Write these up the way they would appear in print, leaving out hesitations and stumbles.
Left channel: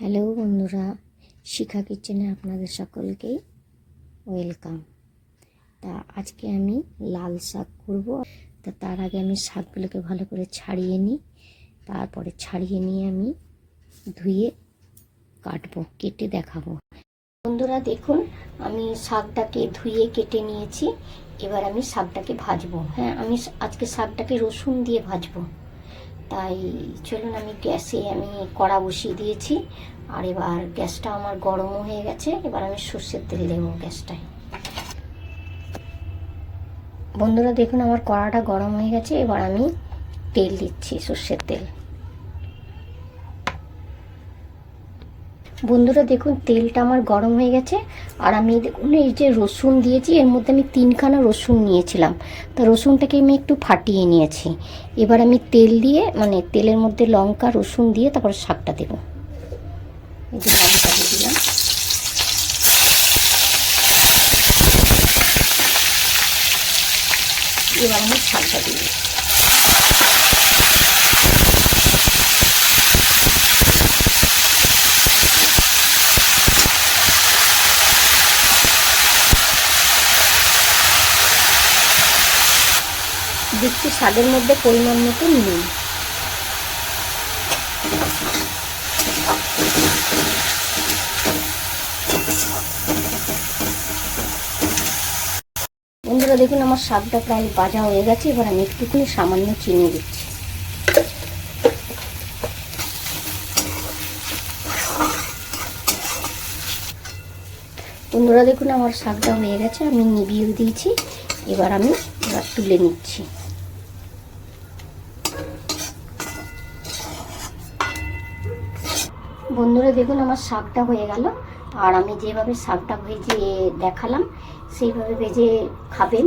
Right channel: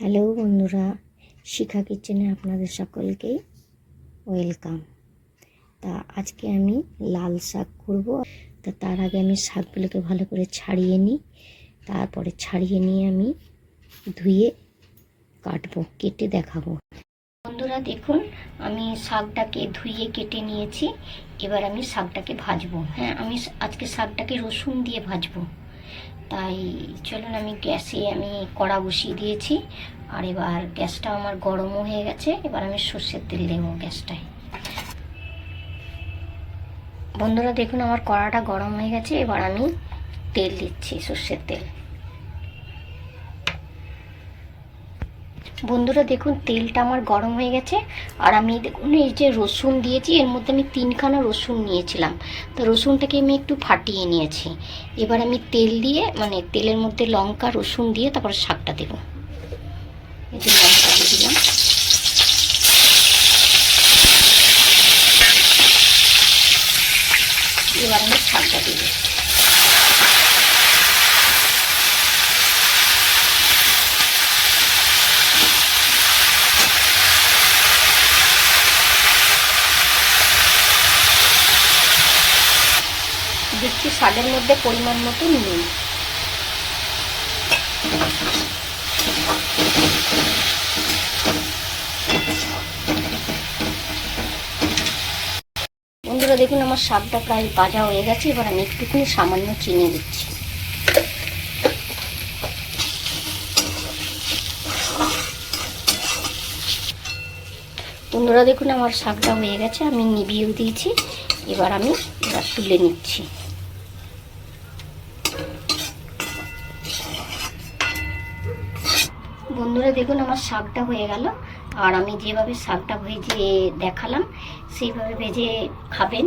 Hello বন্ধুরা, শিখা কিচেনে আপনাদের সকলকেই ওয়েলকাম। তা আজকে আমি লাল শাক করব। তার আগে আমি শাকগুলোকে ভালো করে ছাড়িয়ে নিই। তারপরে ছাড়িয়ে নিয়ে আমি ধুয়ে কাটবো, কেটে দেখাবো। বন্ধুরা দেখুন, আমি শাকটাকে ধুয়ে কেটে নিয়েছি। এবার আমি শাকটাকে ভাজবো। হ্যাঁ, আমি আজকে শাকটাকে রসুন দিয়ে ভাজবো। তাই চলুন, আমি গ্যাসে কড়া বসিয়ে দিয়েছি। আর এবার গ্যাসটা আমার গরমও হয়ে গেছে। এবার আমি সর্ষের তেল দেবো গ্যাসটায়। বন্ধুরা দেখুন, আমার কড়াটা গরম হয়ে গেছে। এবার আমি তেল দিচ্ছি, সর্ষের তেল। বন্ধুরা দেখুন, তেলটা আমার গরম হয়ে গেছে। আর আমি দেখুন, এই যে রসুন দিয়েছি, এর মধ্যে আমি 3খানা রসুন নিয়েছিলাম। তা রসুনটাকে আমি একটু ফাটিয়ে নিয়েছি। এবার আমি তেল দিয়ে তেলের মধ্যে লঙ্কা রসুন দিয়ে তারপর শাকটা দেবো। এই যে লঙ্কা দিয়ে দিলাম। এবার আমি শাকটা দিব। দিচ্ছি শাকের মধ্যে পরিমাণ মতো নুন। বন্ধুরা দেখুন, আমার শাকটা প্রায় ভাজা হয়ে গেছে। এবার আমি একটুখানি সামান্য চিনি দিচ্ছি। বন্ধুরা দেখুন, আমার শাকটা হয়ে গেছে, আমি নিভিয়েও দিয়েছি। এবার তুলে নিচ্ছি। বন্ধুরা দেখুন, আমার শাকটা হয়ে গেল। আর আমি যেভাবে শাকটা ভেজে দেখালাম সেইভাবে ভেজে খাবেন।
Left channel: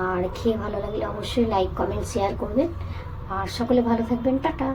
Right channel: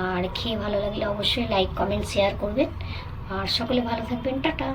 আর খেয়ে ভালো লাগলে অবশ্যই লাইক কমেন্ট শেয়ার করবেন। আর সকলে ভালো থাকবেন। টাটা।